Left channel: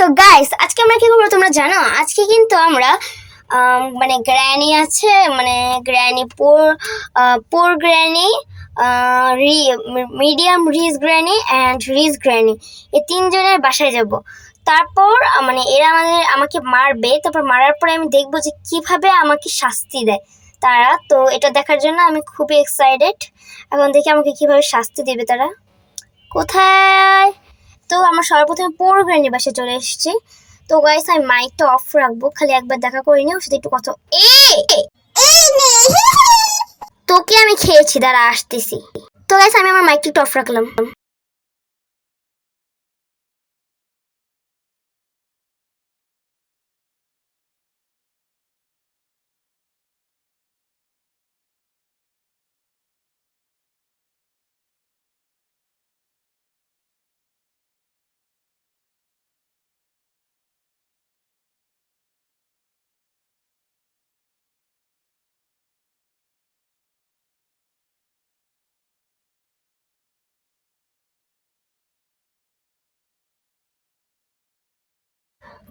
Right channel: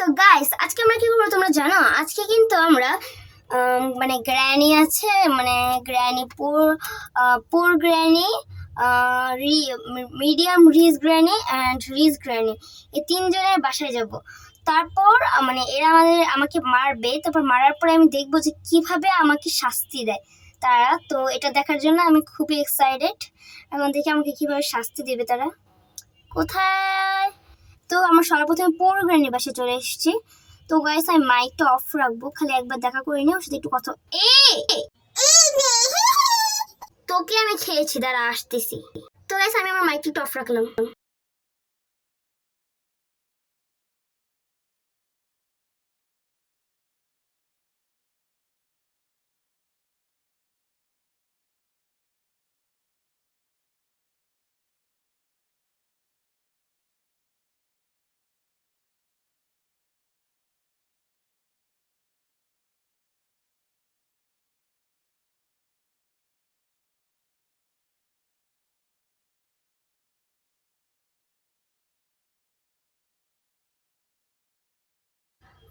তো গাইস আজকে আমরা কি করবো তোমরা জানো? আজকে কিন্তু আমরা মানে গ্র্যানি আছে, মানে granny poor granny, medium rich granny and rich granny, এই তিনজনের বাসায় যাব। তারপর মানে এরা আমাকে মারবে, তারপর মারার পরে আমি দেখবো যে কিভাবে আমাকে শাস্তি দেয় তারা। তো এটা দেখার জন্য আমি খুবই এক্সাইটেড। এখন দেখি আমাকে কিভাবে শাস্তি দেবে তারা। কোথায়? তো আমরা সর্বপ্রথমে পোর গ্র্যানির বাসায় চলে এসেছি। তো গাইস আমি মাইকটা অফ রাখবো, খালি একবার দেখা করে নিও, ওর সাথে একটু কথা। তোকে আমি খেয়েছি, দাঁড়া আসতেছি। তো গাইস আমি আমার মাইকটা একটু অফ রাখলাম।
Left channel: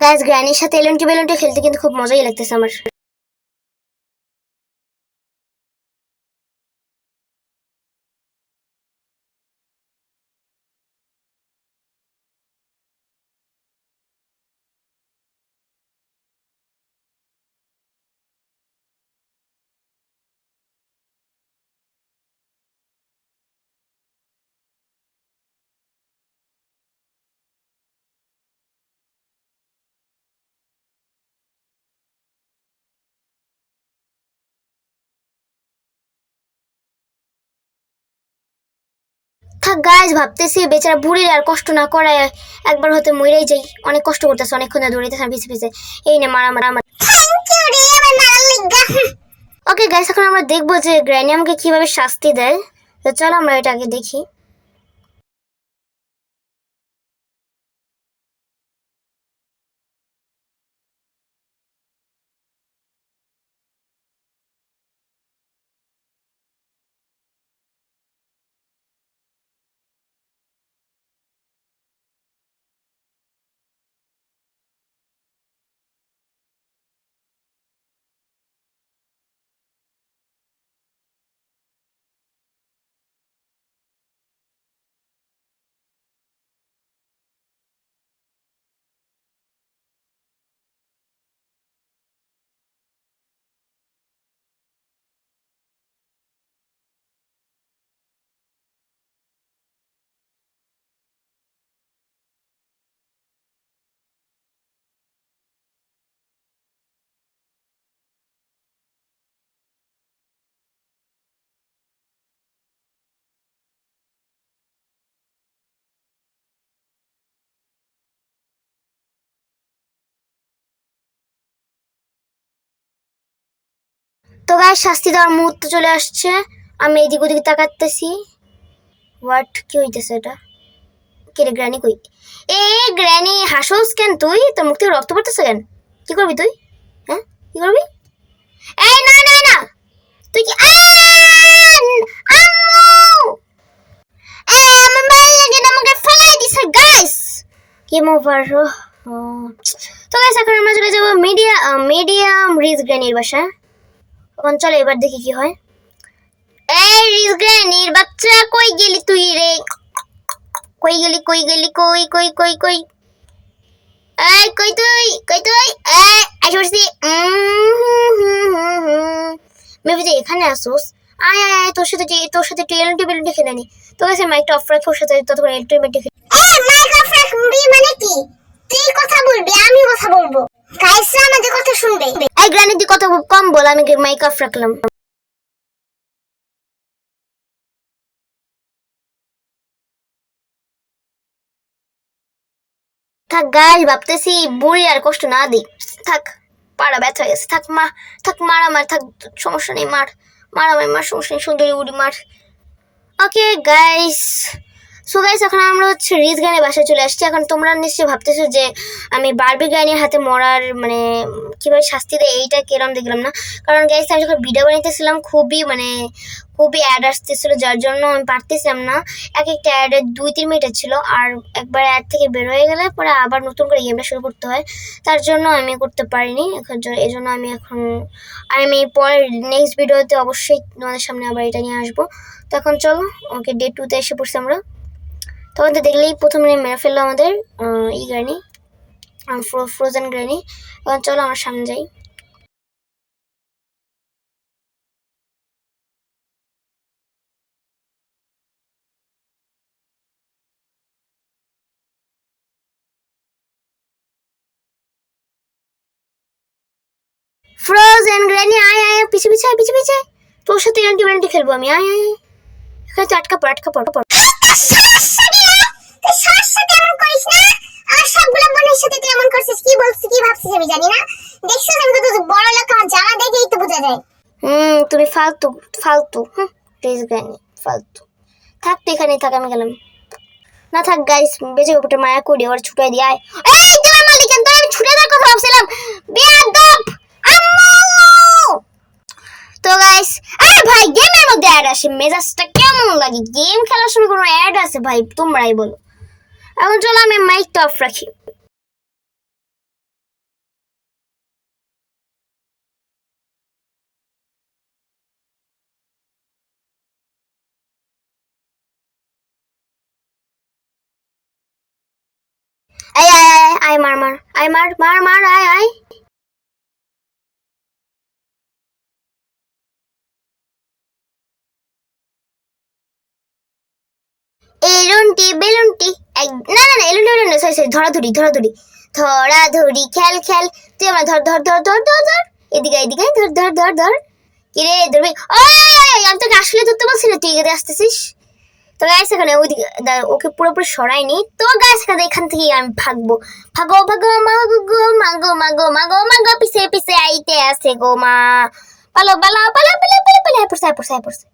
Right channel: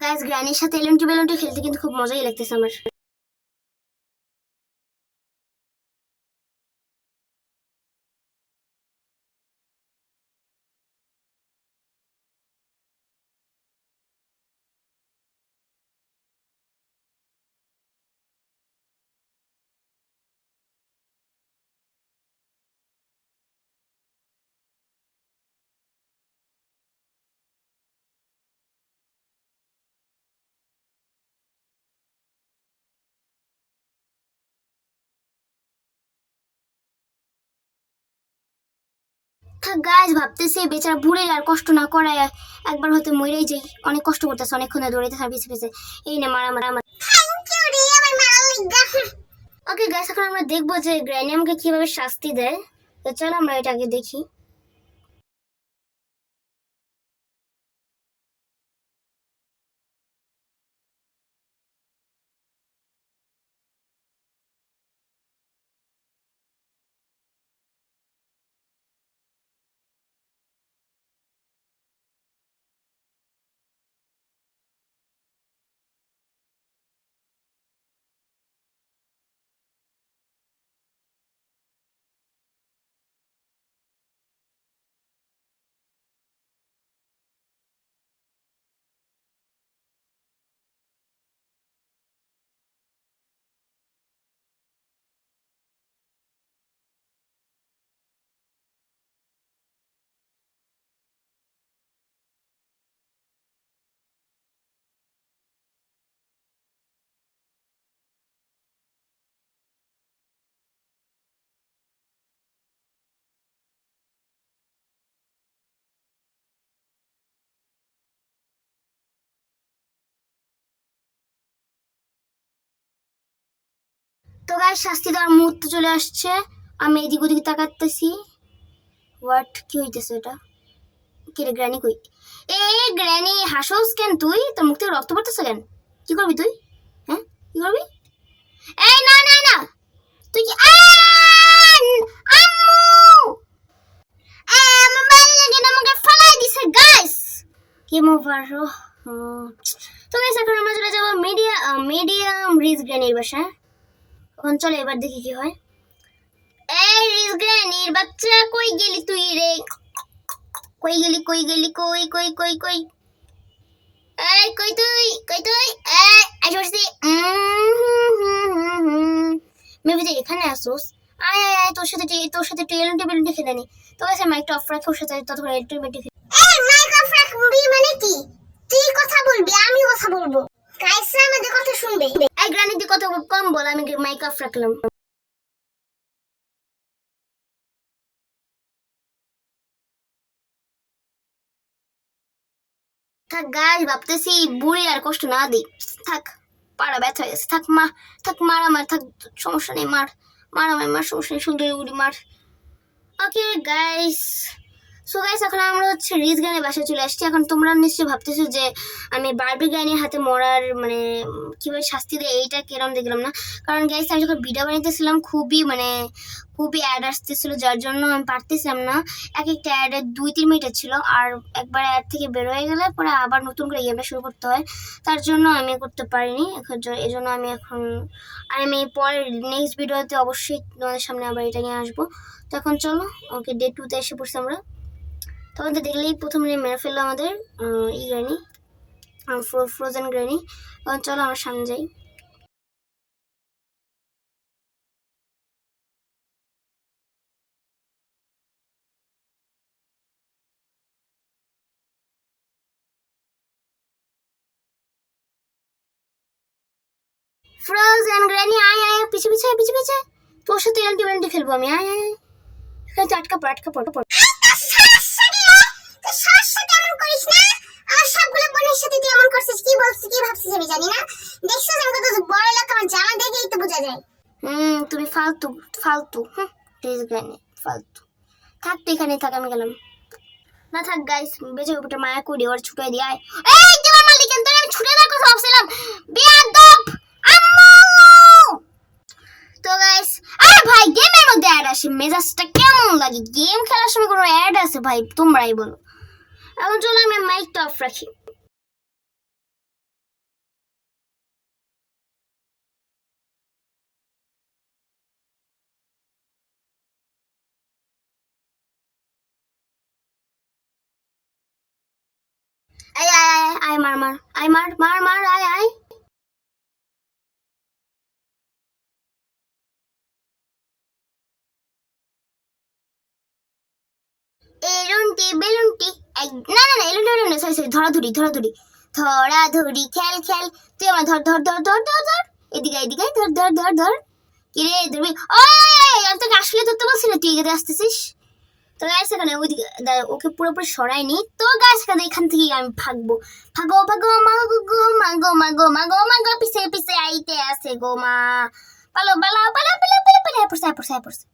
গাইস গ্র্যানির সাথে এলন্টি বেলন্টি খেলতে কিন্তু খুব মজাই লাগতেছে আমার। থাক গাইস, ভাবতেছি বেচারা বুড়ির আর কষ্ট না করায় একবার হয়তো মরেই যাই। অনেক কষ্ট করতেছে, অনেকক্ষণ ধরে দৌড়াইতেছে পিছে পিছে। এই না মারা মারা মারা। ওকে গাইস, এখন আমরা দেখবো যে গ্র্যানি আমাকে কিভাবে শাস্তি দেয়। তো চলো আমরা এটা আগে দেখি। তো গাইস শাস্তি দেওয়ার মুহূর্ত চলে আসছে। আমি এদিক ওদিকে তাকাতেছি। হোয়াট, কি হইতেছে এটা? কে রে গ্র্যানি কই? এ গ্র্যানি, হাসোস কেন তুই? তোর মুখ থেকে রক্ত পড়তেছে কেন? কি করবি তুই? হ্যাঁ কি করবি? এই না না না, তুই কি আম্মু! আমার ভালো লাগে না, আমাকে ফেলাই দিছে গাইস। Game over. তো গাইস এখন আমরা চলে যাবো মিডিয়াম রিচ গ্র্যানির বাসা। এখন চলো এবার দেখি কি হয়। এই রিচ গ্র্যানির বাচ্চা, কই গেলি তুই রে? কই গেলি কই গেলি কই কই কই কই? এই কই তুই কই তুই? এই আইসা পড়ছি। মেবি যে এখানে আসোস। আয় আয় আয়, তোর সাথে টেবিল টেবিলটি খেলে নি। তোর কাছে মাইকটা অফ রাখে, ওর সাথে ততক্ষণ এলটিমেটলি খেলে। এই মাইক অফ রাখবি মানে কি? তুই কথা বলবি, আমি কথা বলবো। গাইসরা আমাদের কথা শুনবে। এই গ্রানি তুই কথা কম বল, আমি মাইক অফ রাখলাম। থাক গাইস, ভাবতেছি বুড়ি আর কষ্ট না দিই। থাক, পাড়া ব্যথা হয়ে গেছে। থাক মা, থাক মার আমার, থাক সমস্যা নেই, মার মার আমার, মার সমস্যা নেই, সুন্দরী উড়ি মার। ওকে গাইস, সো গাইস এখন আমরা হচ্ছে রিজ গানের বাসায় চলে আসছি। এখন তোমরা নিশ্চয়ই ভাবতেছো যে আমি বারবি গানের হাতে মরার মানে কীভাবে শাস্তি দেয় এইটা কেরম দেখলাম না। কারণ গাইস আমি যখন ভিডিও বানাইতেছিলাম খুবই অ্যাড আসতেছিলো, যার জন্য আমি পারতেছিলাম না। এক একটা অ্যাডের 2-3 মিনিটের ছিল, আর একবার অ্যাড থেকে বের হয়ে গেলে পরে আবার নতুন করে গেমটা শুরু করতে হয়, তার জন্য আমি করতে পারিনি। এই জন্য আমি পরের নেক্সট ভিডিওতে অবশ্যই তোমাদের সামনে আবার এটা নিয়ে আসবো। তো এখন চলো, ওকে ডে 2-তে এসে পড়ছি আমরা। তখন তো দেখলেই প্রথমে মেরে ফেললো আমাদের গ্র্যানি, ফ্রোজেন গ্র্যানি। এখন চলো আমার সামনে যাই। ফ্রোজেন গ্র্যানি আয় আয়, পিছে পিছে আয়, পিছে পিছে আয়। তোর সাথে অ্যান্টি খেলবো আমি, আয় আয়। এখানে তো আটকা পড়। তুমি ফালতু প্লিজ গ্র্যানি, ফালতু। থাক তুই এখানে থাক, আমি গেলাম। না থাক গাইস, বেঁচে ওপরটা মায়া করি, ওর ছুটাই দিয়ে আয়। এই তোমার মালিক তো আমি ছুটে যাওয়ার কথা ভাবছিলাম, বেয়াদব আম্মু। তো গাইস আরে ভাই গেমের মধ্যে অ্যাড আসে, মেজাজটা কেমন লাগে? গেম খেলার সময় কোনো অ্যাড আছে ভাই? তোমরাই বলো। এখন চলো আমি মাইকটা অফ রাখি। আয় আয় আয় আয়, মার আয় আয়। এলুনটি বেলুনটি, না না না, এলুনটি বেলুন সরি সরি, ধরাধরি খেল। তুই আমার ধর, এদিকে ধর। কিরে ধরবি? ওই আমি তোকে আসলে ধরতে বলছি না, তুই এদিকে আসতেছিস। তো গাইস এখানে ওইদিকে ওকে পুরোপুরি সরাইনি। তো গাইস এখান থেকে আমি ভাগবো, মাগো পিছে আইতে আছে গো মা। পালো পড়ছে।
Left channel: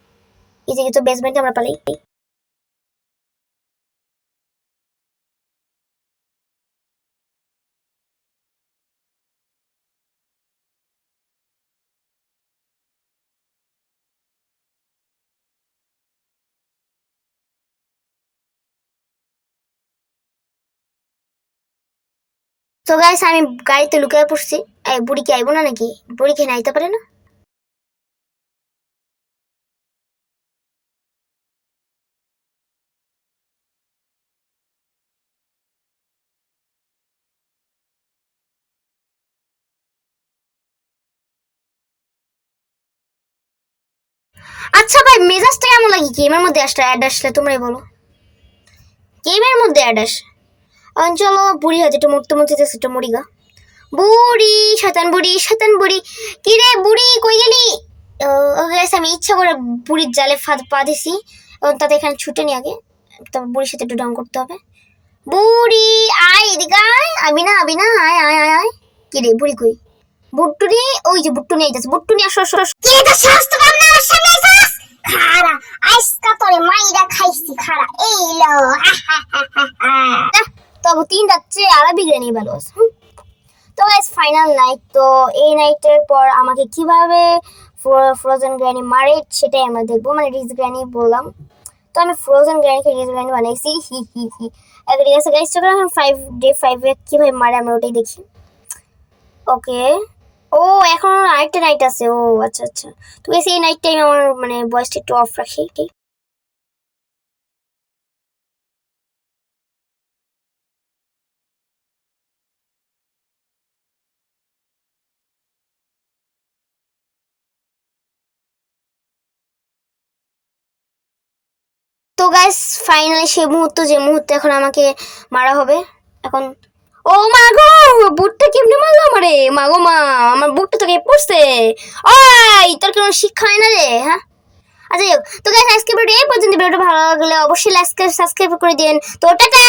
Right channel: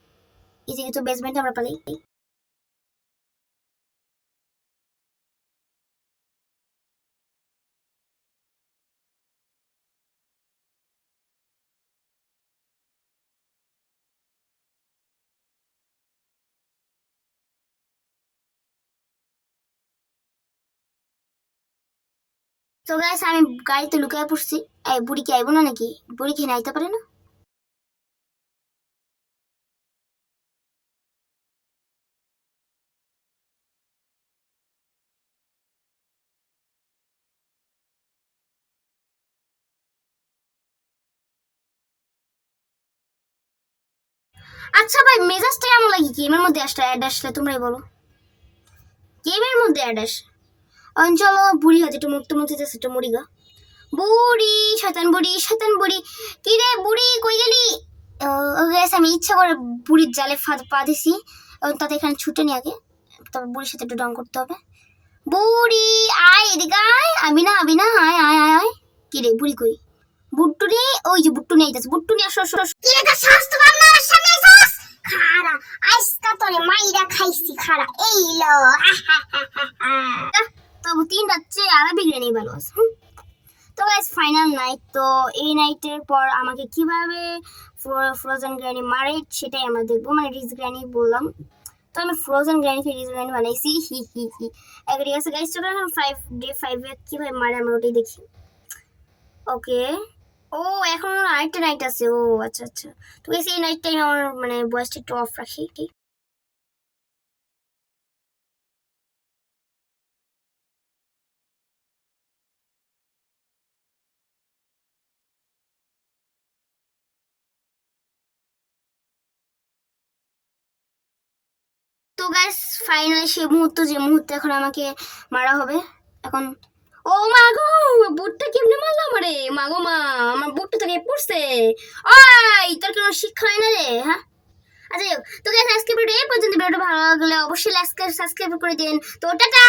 এই যে তো বেসমেন্টে আমরা পালাই। তো গাইস আমি গাড়িতে লুকিয়ে পড়ছি। বুড়ি কি আইবো না নাকি? বুড়ি কি আইতে পারে না? আচ্ছা ভাই মেজাজটা কেমন লাগে গেমের মধ্যে অ্যাড আসলে? তোমরাই বলো। গেমের মধ্যে অ্যাড আসে। চলো বুড়ি হয়তো একটু মরতে একটু মরিগা। বুড়ি শয়তান বুড়ি, কি রে বুড়ি কই গেলি? আমি ইচ্ছা করে বুড়ির জালে পা দিছি, এবং তাতে এখানে ছুটে নি আগে, তবে বুড়ির সাথে একটু ডং করতে হবে। বুড়ি আয় এদিকে আয়, আবি না আয়। কি রে বুড়ি কই? বুট্টুনি, ওই যে বুট্টুনি আইতাছে, বুট্টুনি আসো। কি রে তোর সাহস তো কম না আমার সামনে আইছাস? খাড়া আইসকা তোরে মাইরা খাইছি, খাড়া এই লো। তবে 3 রাত্রে আরবি গ্রানি ভালো আছে। তো গাইস ফাইনাল নাইট। তো এই নাইটের পর আমাকে কিভাবে ফ্রোজেন গ্র্যানি মারে সেটাই আমরা দেখবো, মানে রিজ গ্র্যানি বললাম। তো আমি ফ্রোজেন গ্র্যানিকে রিজ গ্র্যানি বানাইছি, হি। ঠিক আছে গাইস, চলো এখন ডে 5 কিভাবে মারে আমরা ওটাই দেখি। ওকে, ও এখন আরেকটা নাইট আছে। ও আচ্ছা। তো গাইস এই নাইট টাইম আমার মানে ভয়েসটা একটু অফ রাখি, ঠিক। তো গাইস ফাইনালি সেই মুহূর্ত, যে মুহূর্তে এখন আমাকে মারা হবে। এখন ও মা গো, বুটটা কেমনে মারলো আমারে? মা গো মা, আমার বুটটা তো কেটে পড়ছে। ওই তোর কোনো শিক্ষা হয় না রে, হ্যাঁ? আচ্ছা তো গাইস আজকে ভিডিও এই পর্যন্ত। ভিডিওটা ভালো লাগলে অবশ্যই লাইক সাবস্ক্রাইব করে দিন। তো টাটা।